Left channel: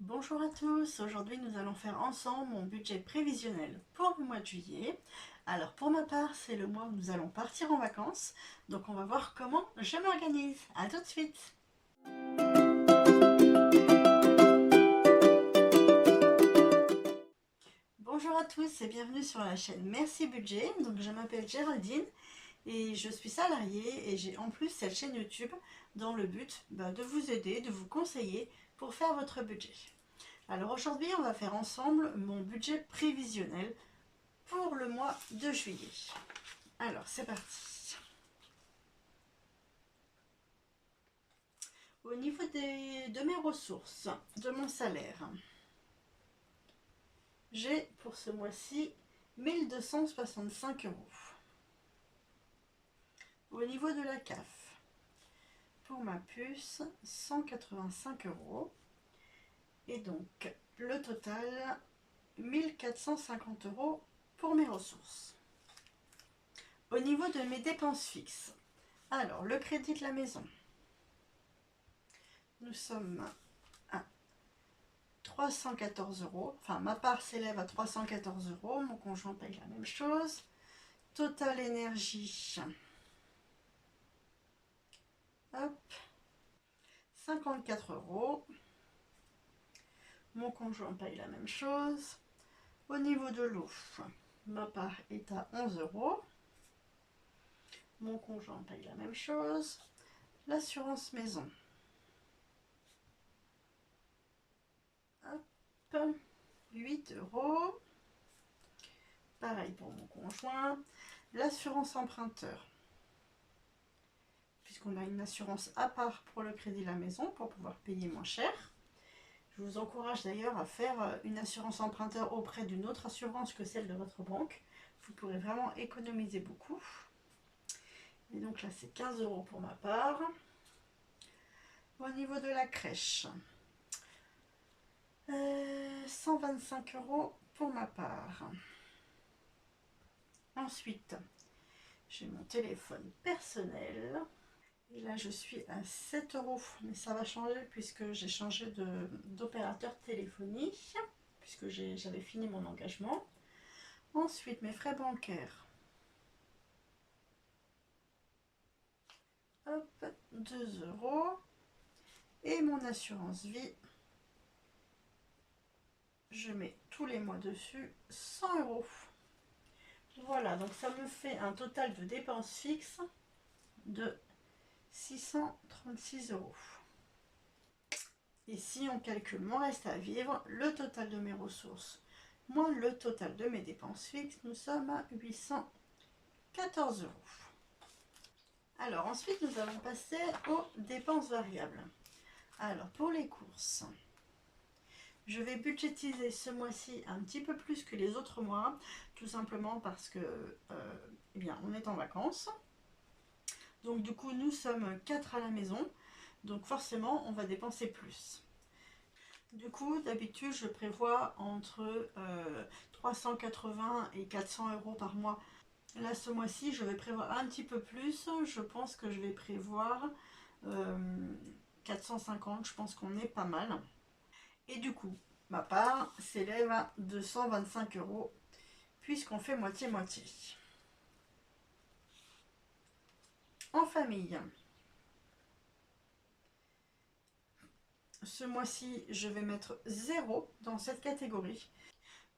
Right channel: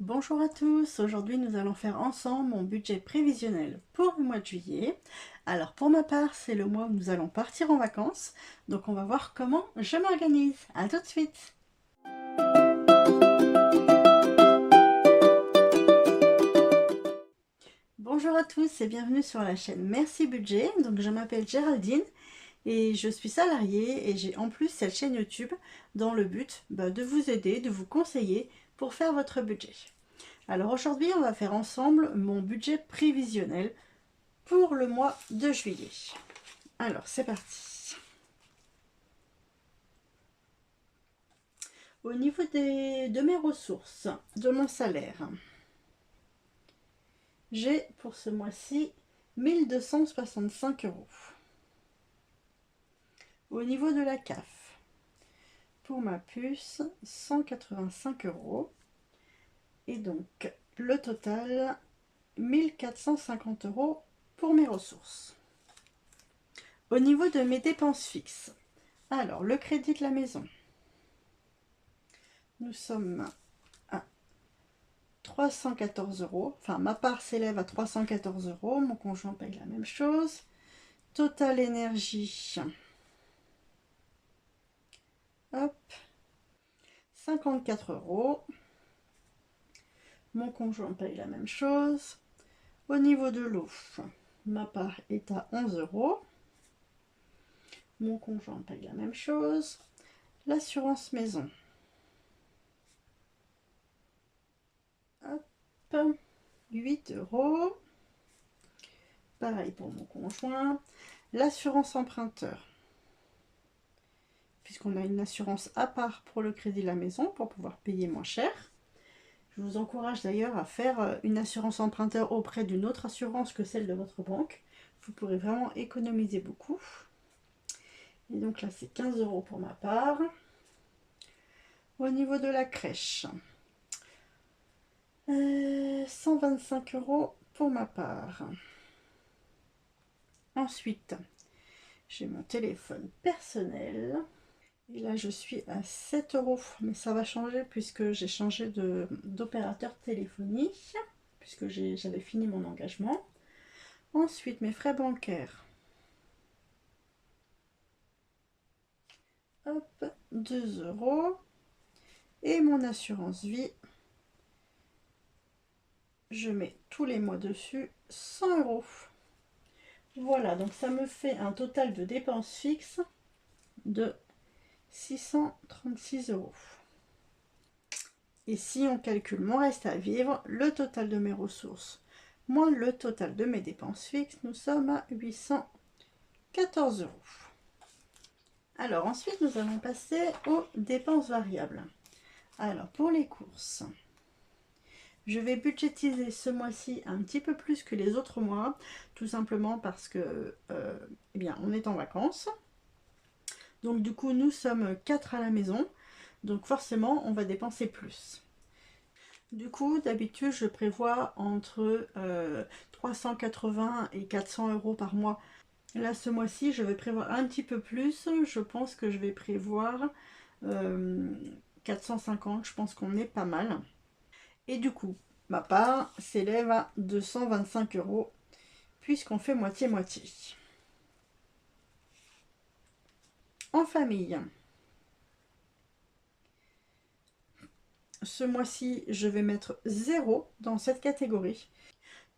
Bonjour à tous, aujourd'hui nous allons faire ensemble mon budget prévisionnel pour le mois de juillet. Alors pour ma part, c'est le mois où nous allons partir en vacances, donc on va voir comment je m'organise. À tout de suite. Bonjour à tous et bienvenue sur la chaîne Merci Budget. Donc je m'appelle Géraldine et je suis salariée et j'ai en plus cette chaîne YouTube dans le but de vous aider, de vous conseiller pour faire votre budget. Alors aujourd'hui, on va faire ensemble mon budget prévisionnel pour le mois de juillet. Alors, c'est parti. Au niveau de mes ressources, de mon salaire, j'ai pour ce mois-ci 1265 euros. Au niveau de la CAF, pour ma puce, 185 euros. Et donc, le total, 1450 euros pour mes ressources. Au niveau de mes dépenses fixes, alors le crédit de la maison, nous sommes à 314 euros. Enfin, ma part s'élève à 314 euros. Mon conjoint paye la même chose. Total énergie, hop, 54 euros. Mon conjoint paye la même chose. Au niveau de l'eau, ma part est à 11 euros. Mon conjoint paye la même chose. L'assurance maison, hop, 8 euros. Pareil pour mon conjoint. L'assurance emprunteur, puisqu'on a une assurance à part pour le crédit de la maison pour pouvoir payer moins cher. Je vous encourage d'ailleurs à faire une assurance emprunteur auprès d'une autre assurance que celle de votre banque. Vous pourrez vraiment économiser beaucoup. Et donc là, c'est 15 euros pour ma part. Au niveau de la crèche, 125 euros pour ma part. Ensuite, j'ai mon téléphone personnel. Et là, je suis à 7 euros. Mais ça va changer puisque j'ai changé d'opérateur téléphonique. Puisque j'avais fini mon engagement. Ensuite, mes frais bancaires. Hop, 2 euros. Et mon assurance vie. Je mets tous les mois dessus 100 euros. Voilà, donc ça me fait un total de dépenses fixes de 636 euros. Et si on calcule mon reste à vivre, le total de mes ressources moins le total de mes dépenses fixes, nous sommes à 814 euros. Alors ensuite, nous allons passer aux dépenses variables. Alors pour les courses, je vais budgétiser ce mois-ci un petit peu plus que les autres mois, tout simplement parce que eh bien, on est en vacances. Donc du coup, nous sommes 4 à la maison, donc forcément, on va dépenser plus. Du coup, d'habitude, je prévois entre 380 et 400 euros par mois. Là, ce mois-ci, je vais prévoir un petit peu plus. Je pense que je vais prévoir 450. Je pense qu'on est pas mal. Et du coup, ma part s'élève à 225 euros puisqu'on fait moitié-moitié. En famille, ce mois-ci, je vais mettre 0 dans cette catégorie.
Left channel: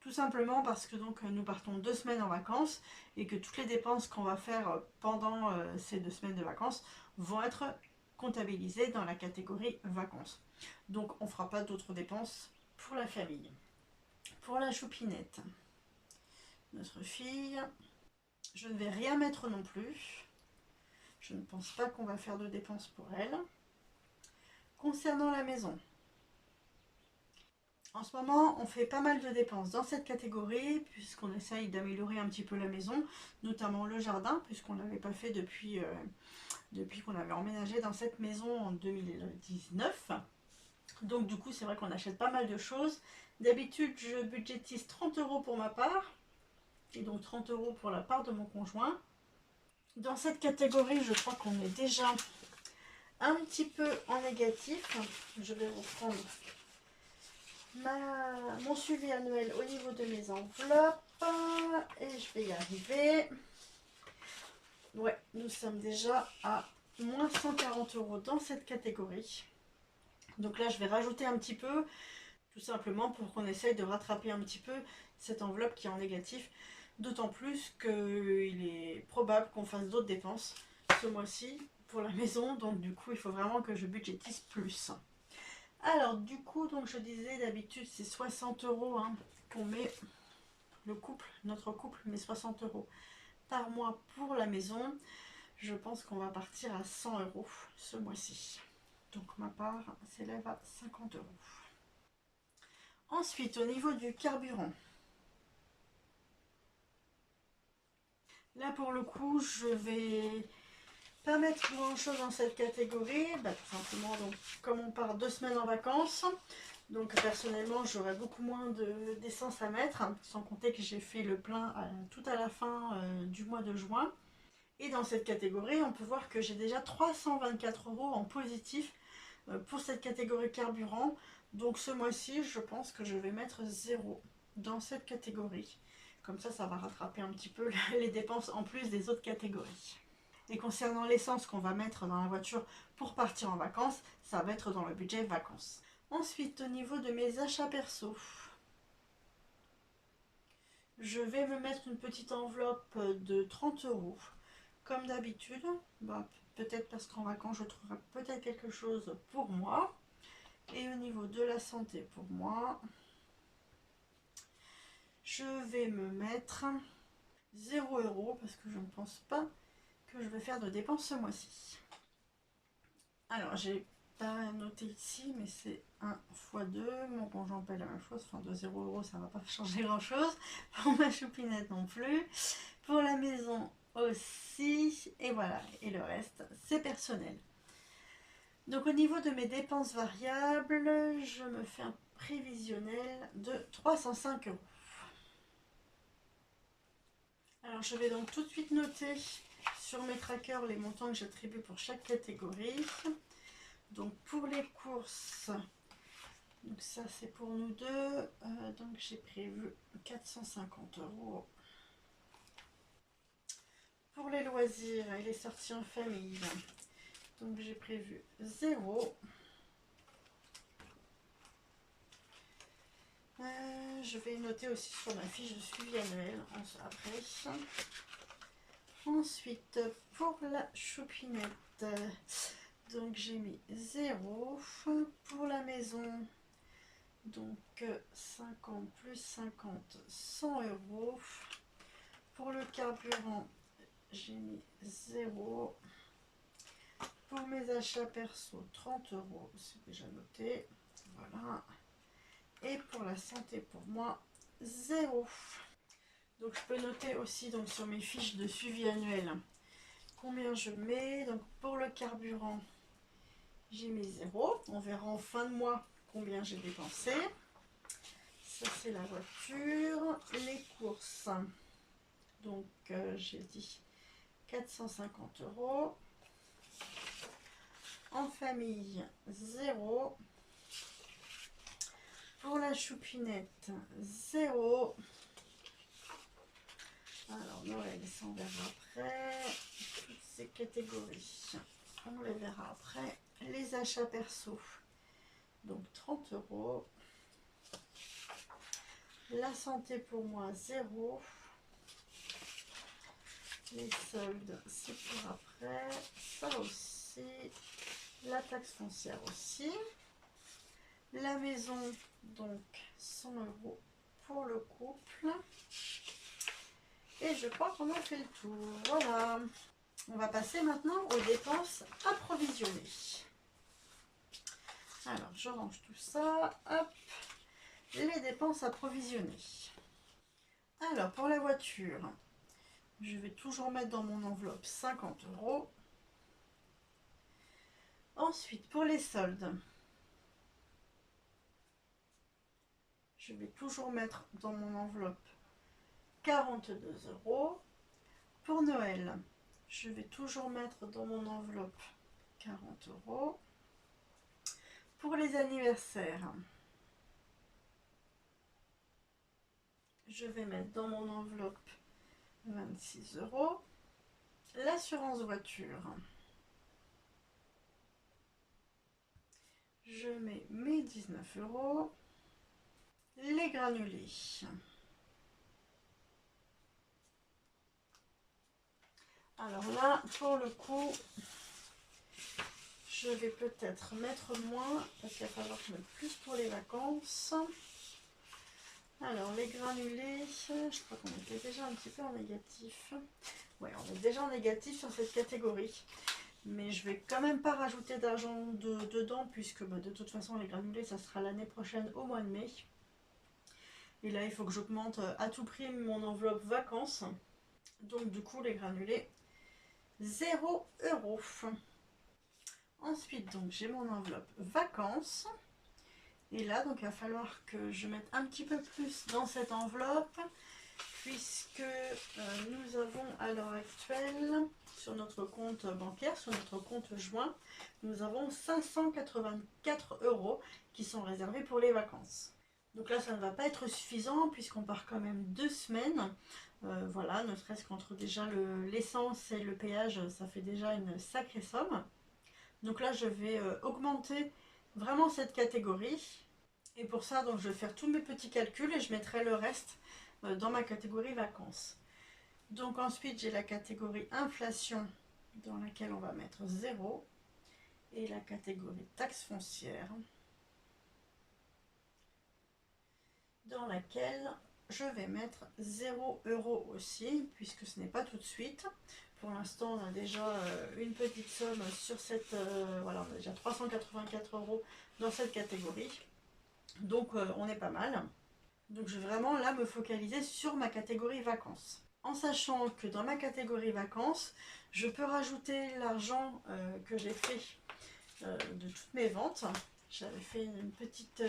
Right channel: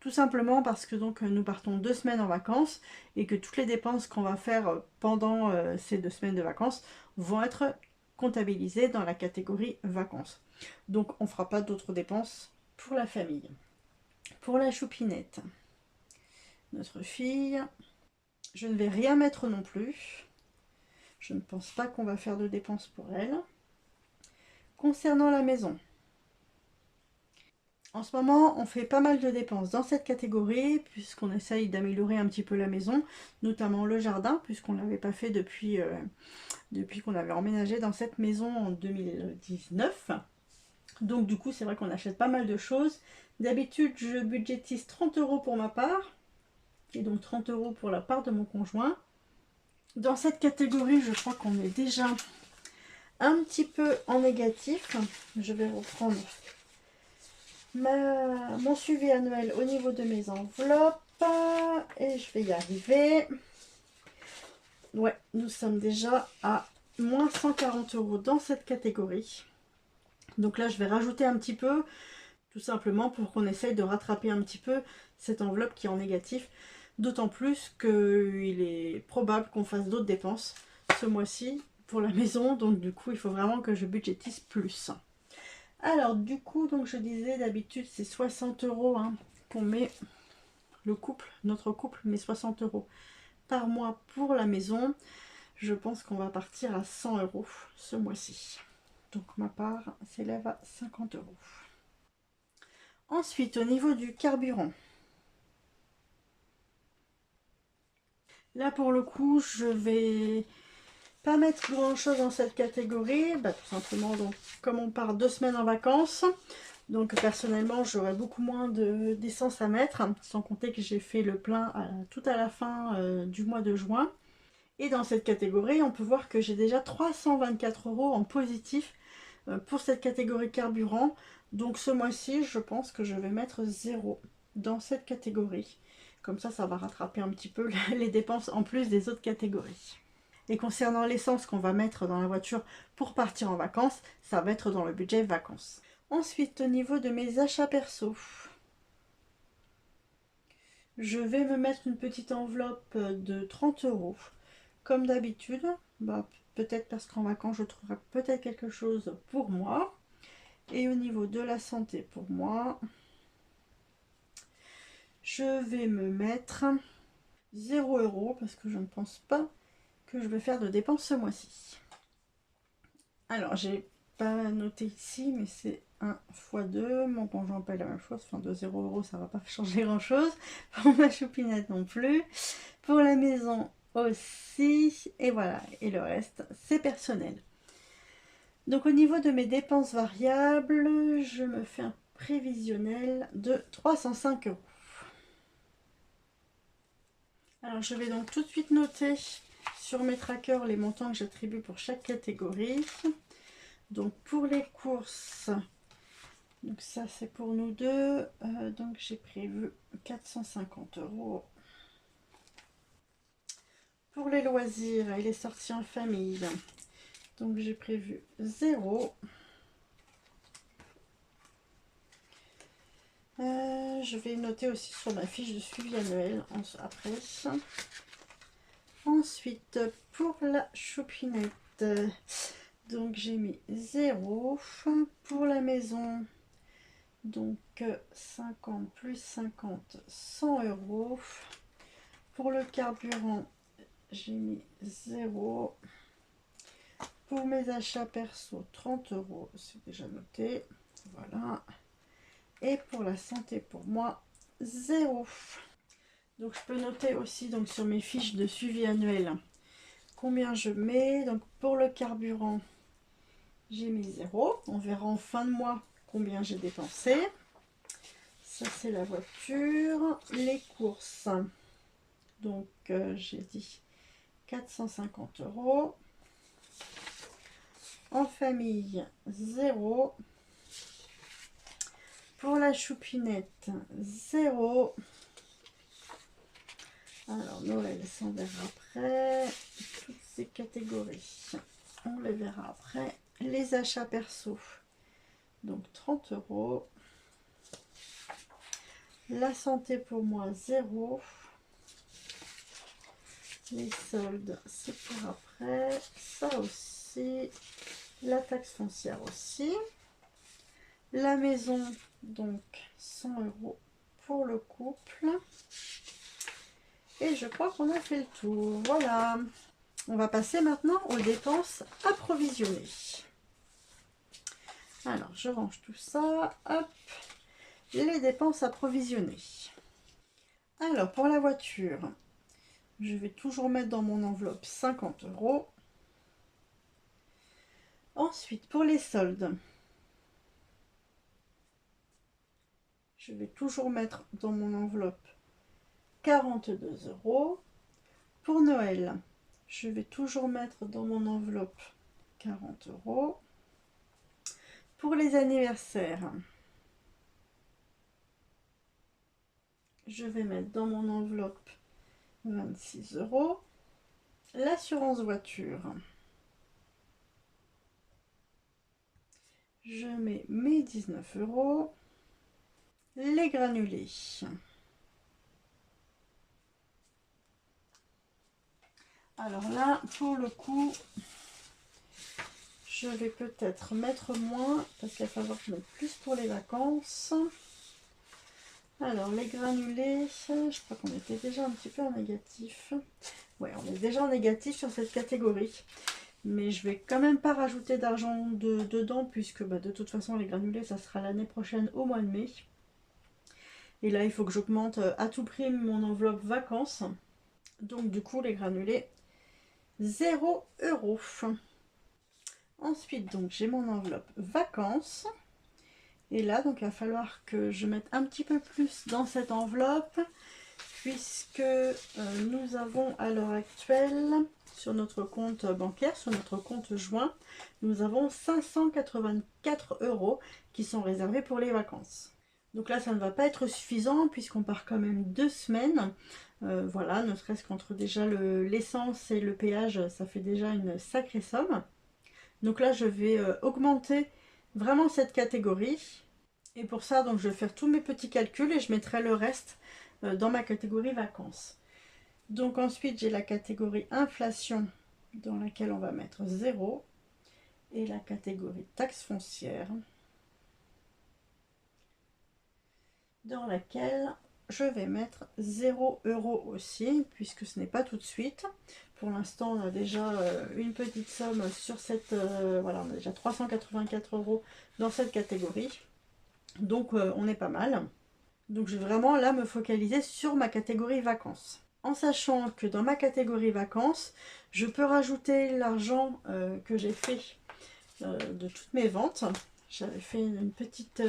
Tout simplement parce que donc nous partons 2 semaines en vacances et que toutes les dépenses qu'on va faire pendant ces 2 semaines de vacances vont être comptabilisées dans la catégorie vacances. Donc on ne fera pas d'autres dépenses pour la famille. Pour la choupinette, notre fille, je ne vais rien mettre non plus. Je ne pense pas qu'on va faire de dépenses pour elle. Concernant la maison, en ce moment, on fait pas mal de dépenses dans cette catégorie puisqu'on essaye d'améliorer un petit peu la maison, notamment le jardin, puisqu'on ne l'avait pas fait depuis qu'on avait emménagé dans cette maison en 2019. Donc du coup, c'est vrai qu'on achète pas mal de choses. D'habitude, je budgétise 30 euros pour ma part et donc 30 euros pour la part de mon conjoint. Dans cette catégorie, je crois qu'on est déjà un petit peu en négatif. Je vais reprendre mon suivi annuel au niveau de mes enveloppes. Et je vais y arriver. Ouais, nous sommes déjà à moins 140 € dans cette catégorie. Donc là, je vais rajouter un petit peu, tout simplement pour qu'on essaye de rattraper un petit peu cette enveloppe qui est en négatif. D'autant plus qu'il est probable qu'on fasse d'autres dépenses ce mois-ci pour la maison. Donc du coup, il faut vraiment que je budgétise plus. Alors du coup, donc je disais, d'habitude c'est 60 € hein, qu'on met, le couple, notre couple met 60 € par mois pour la maison. Je pense qu'on va partir à 100 € ce mois-ci. Donc ma part s'élève à 50 €. Ensuite, au niveau du carburant, là pour le coup, je vais pas mettre grand chose dans cette catégorie, tout simplement donc, comme on part 2 semaines en vacances, donc personnellement j'aurai beaucoup moins d'essence à mettre, sans compter que j'ai fait le plein tout à la fin du mois de juin. Et dans cette catégorie, on peut voir que j'ai déjà 324 € en positif pour cette catégorie carburant. Donc ce mois-ci, je pense que je vais mettre 0 dans cette catégorie. Comme ça va rattraper un petit peu les dépenses en plus des autres catégories. Et concernant l'essence qu'on va mettre dans la voiture pour partir en vacances, ça va être dans le budget vacances. Ensuite, au niveau de mes achats perso, je vais me mettre une petite enveloppe de 30 €. Comme d'habitude, peut-être parce qu'en vacances, je trouverai peut-être quelque chose pour moi. Et au niveau de la santé, pour moi, je vais me mettre 0 € parce que je ne pense pas que je vais faire de dépenses ce mois-ci. Alors, j'ai pas noté ici, mais c'est 1 x 2. Mon conjoint paye la même chose, enfin de 0 €, ça va pas changer grand-chose. Pour ma choupinette non plus. Pour la maison aussi. Et voilà, et le reste, c'est personnel. Donc au niveau de mes dépenses variables, je me fais un prévisionnel de 305 €. Alors je vais donc tout de suite noter sur mes trackers les montants que j'attribue pour chaque catégorie. Donc pour les courses, donc ça c'est pour nous deux, donc j'ai prévu 450 €. Pour les loisirs et les sorties en famille, donc j'ai prévu 0. Je vais noter aussi sur ma fiche de suivi annuel après. Ensuite, pour la choupinette, donc j'ai mis 0. Pour la maison, donc 50 plus 50, 100 €. Pour le carburant, j'ai mis 0. Pour mes achats perso, 30 €, c'est déjà noté. Voilà. Et pour la santé, pour moi, 0. Donc je peux noter aussi donc, sur mes fiches de suivi annuel combien je mets. Donc pour le carburant, j'ai mis 0. On verra en fin de mois combien j'ai dépensé. Ça c'est la voiture. Les courses, donc j'ai dit 450 €. En famille, 0. Pour la choupinette, 0. Alors Noël, ça on verra après. Toutes ces catégories, on les verra après. Les achats perso, donc 30 €. La santé pour moi, 0. Les soldes, c'est pour après. Ça aussi. La taxe foncière aussi. La maison, donc 100 € pour le couple. Et je crois qu'on a fait le tour. Voilà. On va passer maintenant aux dépenses approvisionnées. Alors, je range tout ça. Hop. Les dépenses approvisionnées. Alors, pour la voiture, je vais toujours mettre dans mon enveloppe 50 €. Ensuite, pour les soldes, je vais toujours mettre dans mon enveloppe 42 €. Pour Noël, je vais toujours mettre dans mon enveloppe 40 €. Pour les anniversaires, je vais mettre dans mon enveloppe 26 €. L'assurance voiture, je mets mes 19 €. Les granulés, alors là pour le coup je vais peut-être mettre moins parce qu'il va falloir que je mette plus pour les vacances. Alors les granulés, je crois qu'on était déjà un petit peu en négatif. Ouais, on est déjà en négatif sur cette catégorie. Mais je vais quand même pas rajouter d'argent dedans puisque de toute façon les granulés ça sera l'année prochaine au mois de mai. Et là il faut que j'augmente à tout prix mon enveloppe vacances. Donc du coup les granulés 0 €. Ensuite donc j'ai mon enveloppe vacances. Et là donc il va falloir que je mette un petit peu plus dans cette enveloppe. Puisque nous avons à l'heure actuelle sur notre compte bancaire, sur notre compte joint, nous avons 584 € qui sont réservés pour les vacances. Donc là, ça ne va pas être suffisant puisqu'on part quand même 2 semaines. Voilà, ne serait-ce qu'entre déjà l'essence et le péage, ça fait déjà une sacrée somme. Donc là, je vais augmenter vraiment cette catégorie. Et pour ça, donc, je vais faire tous mes petits calculs et je mettrai le reste dans ma catégorie vacances. Donc ensuite j'ai la catégorie inflation dans laquelle on va mettre 0 et la catégorie taxe foncière dans laquelle je vais mettre 0 € aussi puisque ce n'est pas tout de suite. Pour l'instant on a déjà une petite somme sur cette voilà, on a déjà 384 € dans cette catégorie, donc on est pas mal. Donc je vais vraiment là me focaliser sur ma catégorie vacances. En sachant que dans ma catégorie vacances, je peux rajouter l'argent que j'ai fait de toutes mes ventes. J'avais fait une petite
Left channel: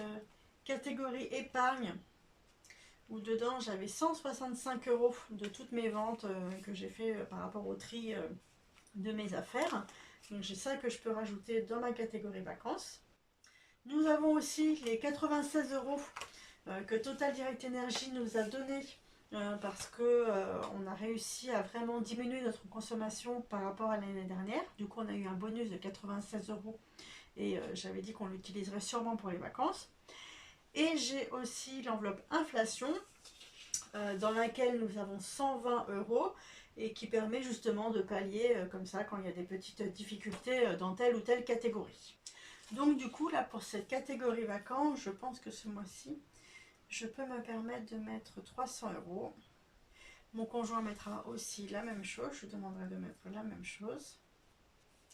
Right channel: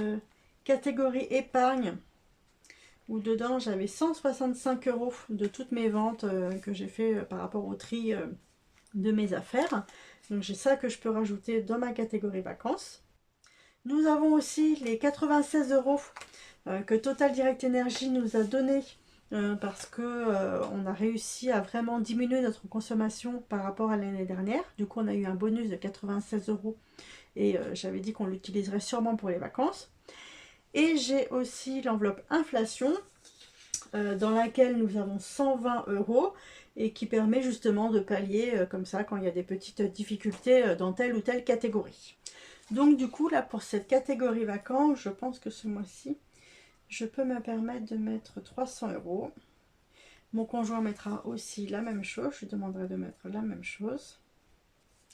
catégorie épargne où dedans j'avais 165 € de toutes mes ventes que j'ai fait par rapport au tri de mes affaires. Donc j'ai ça que je peux rajouter dans ma catégorie vacances. Nous avons aussi les 96 € que Total Direct Energy nous a donné parce que on a réussi à vraiment diminuer notre consommation par rapport à l'année dernière. Du coup on a eu un bonus de 96 € et j'avais dit qu'on l'utiliserait sûrement pour les vacances. Et j'ai aussi l'enveloppe inflation dans laquelle nous avons 120 € et qui permet justement de pallier comme ça quand il y a des petites difficultés dans telle ou telle catégorie. Donc du coup là pour cette catégorie vacances, je pense que ce mois-ci je peux me permettre de mettre 300 €. Mon conjoint mettra aussi la même chose, je lui demanderai de mettre la même chose.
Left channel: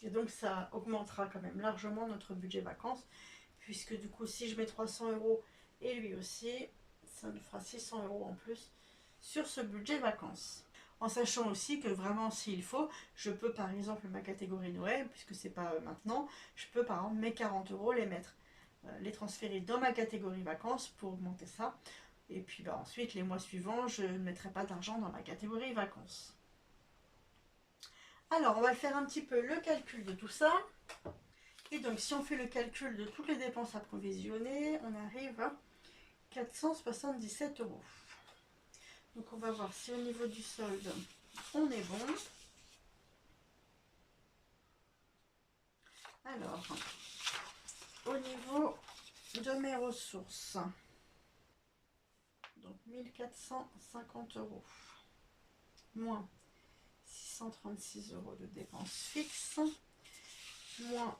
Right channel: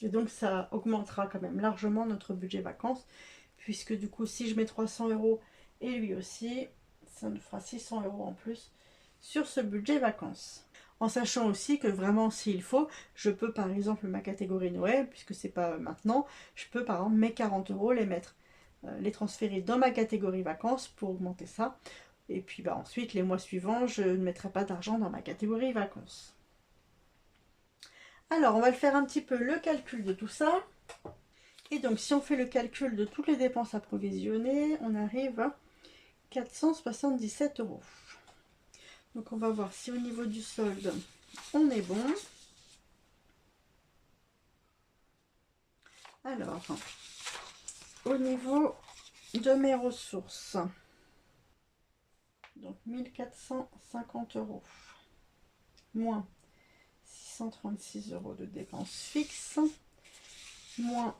Et donc ça augmentera quand même largement notre budget vacances, puisque du coup si je mets 300 € et lui aussi, ça nous fera 600 € en plus sur ce budget vacances. En sachant aussi que vraiment s'il faut, je peux par exemple ma catégorie Noël, puisque c'est pas maintenant, je peux par exemple mes 40 € les mettre, les transférer dans ma catégorie vacances pour augmenter ça. Et puis ensuite les mois suivants, je ne mettrai pas d'argent dans ma catégorie vacances. Alors on va le faire un petit peu le calcul de tout ça. Et donc si on fait le calcul de toutes les dépenses approvisionnées, on arrive à 477 €. Donc on va voir si au niveau du solde, on est bon. Alors, au niveau de mes ressources, donc 1450 € moins 636 € de dépenses fixes, moins,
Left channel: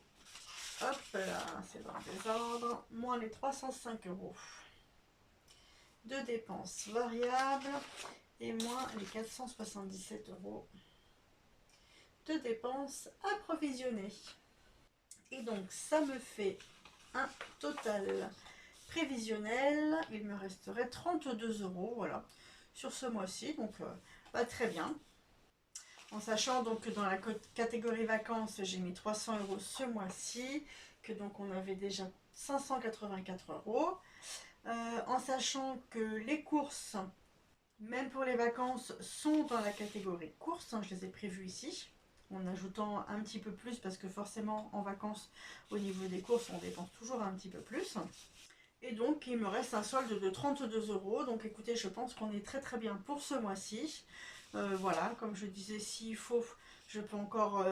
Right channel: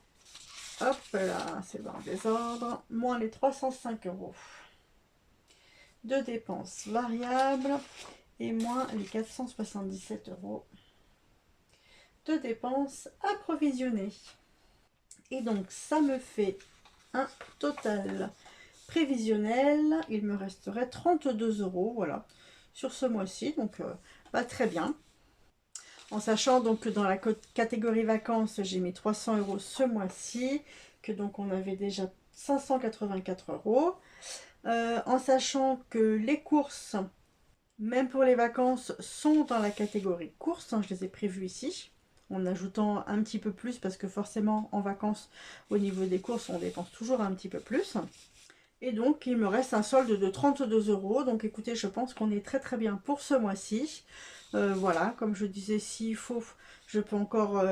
hop là, c'est dans le désordre, moins les 305 € de dépenses variables et moins les 477 € de dépenses approvisionnées. Et donc ça me fait un total prévisionnel, il me resterait 32 € voilà, sur ce mois-ci, donc très bien. En sachant donc que dans la catégorie vacances, j'ai mis 300 € ce mois-ci, que donc on avait déjà 584 €. En sachant que les courses, même pour les vacances, sont dans la catégorie courses, je les ai prévues ici, en ajoutant un petit peu plus parce que forcément en vacances, au niveau des courses, on dépense toujours un petit peu plus. Et donc il me reste un solde de 32 euros. Donc écoutez, je pense qu'on est très très bien pour ce mois-ci. Voilà, comme je disais, s'il faut, je peux encore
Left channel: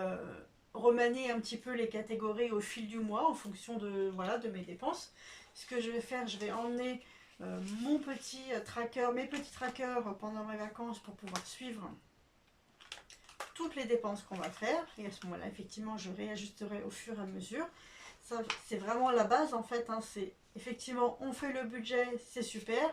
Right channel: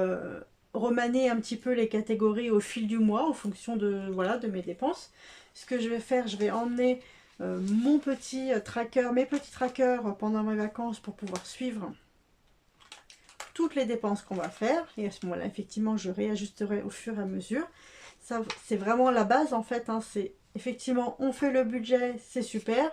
remanier un petit peu les catégories au fil du mois en fonction de, voilà, de mes dépenses. Ce que je vais faire, je vais emmener mon petit tracker, mes petits trackers pendant mes vacances pour pouvoir suivre toutes les dépenses qu'on va faire. Et à ce moment-là, effectivement, je réajusterai au fur et à mesure. Ça, c'est vraiment la base en fait. Hein, c'est effectivement, on fait le budget, c'est super.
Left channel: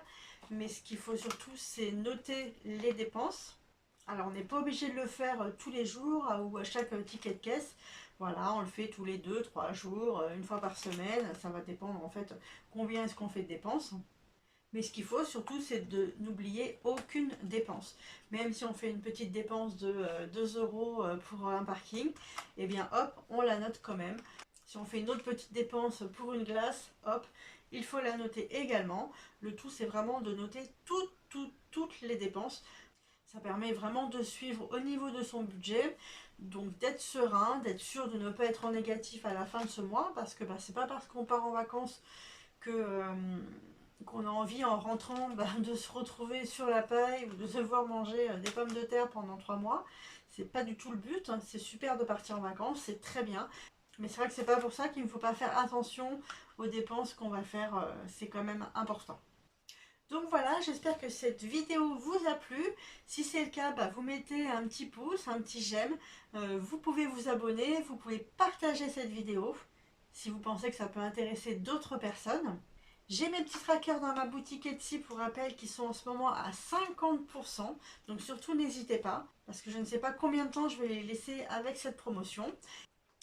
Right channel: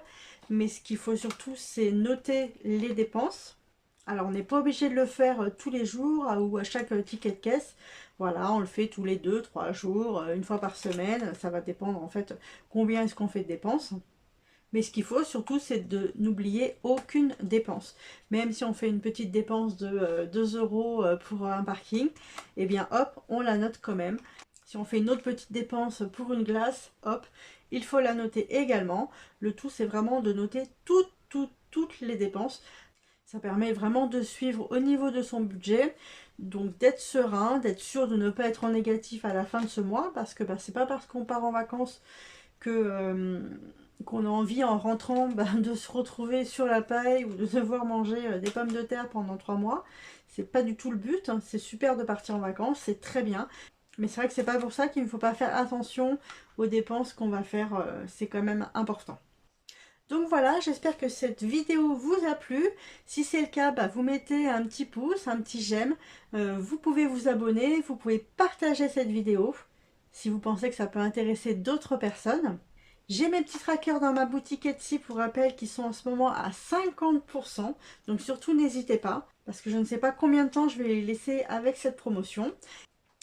Mais ce qu'il faut surtout, c'est noter les dépenses. Alors, on n'est pas obligé de le faire tous les jours ou à chaque ticket de caisse. Voilà, on le fait tous les 2, 3 jours, une fois par semaine. Ça va dépendre en fait combien est-ce qu'on fait de dépenses. Mais ce qu'il faut surtout, c'est de n'oublier aucune dépense. Même si on fait une petite dépense de 2 euros pour un parking, eh bien hop, on la note quand même. Si on fait une autre petite dépense pour une glace, hop, il faut la noter également. Le tout, c'est vraiment de noter toutes les dépenses. Ça permet vraiment de suivre au niveau de son budget. Donc d'être serein, d'être sûr de ne pas être en négatif à la fin de ce mois. Parce que c'est pas parce qu'on part en vacances que qu'on a envie en rentrant de se retrouver sur la paille ou de devoir manger des pommes de terre pendant 3 mois. C'est pas du tout le but, hein. C'est super de partir en vacances, c'est très bien. Mais c'est vrai que c'est pas pour ça qu'il ne faut pas faire attention aux dépenses qu'on va faire, c'est quand même important. Donc voilà, j'espère que cette vidéo vous a plu. Si c'est le cas, vous mettez un petit pouce, un petit j'aime. Vous pouvez vous abonner, vous pouvez partager cette vidéo si vous pensez que ça peut intéresser d'autres personnes. J'ai mes petits trackers dans ma boutique Etsy pour rappel qui sont en ce moment à 50%. Donc surtout n'hésitez pas parce que je ne sais pas combien de temps je vais les laisser avec cette promotion.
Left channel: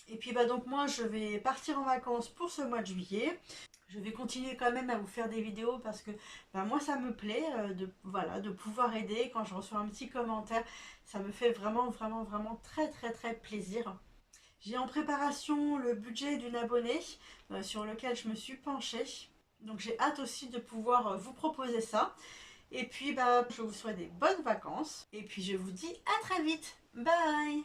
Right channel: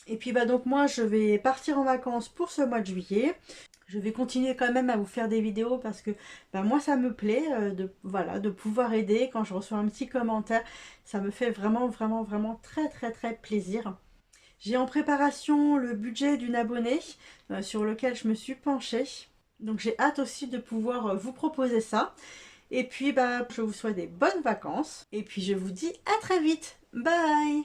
Et puis donc moi je vais partir en vacances pour ce mois de juillet. Je vais continuer quand même à vous faire des vidéos parce que moi ça me plaît de pouvoir aider quand je reçois un petit commentaire. Ça me fait vraiment très très très plaisir. J'ai en préparation le budget d'une abonnée sur lequel je me suis penchée. Donc j'ai hâte aussi de pouvoir vous proposer ça. Et puis je vous souhaite des bonnes vacances. Et puis je vous dis à très vite. Bye!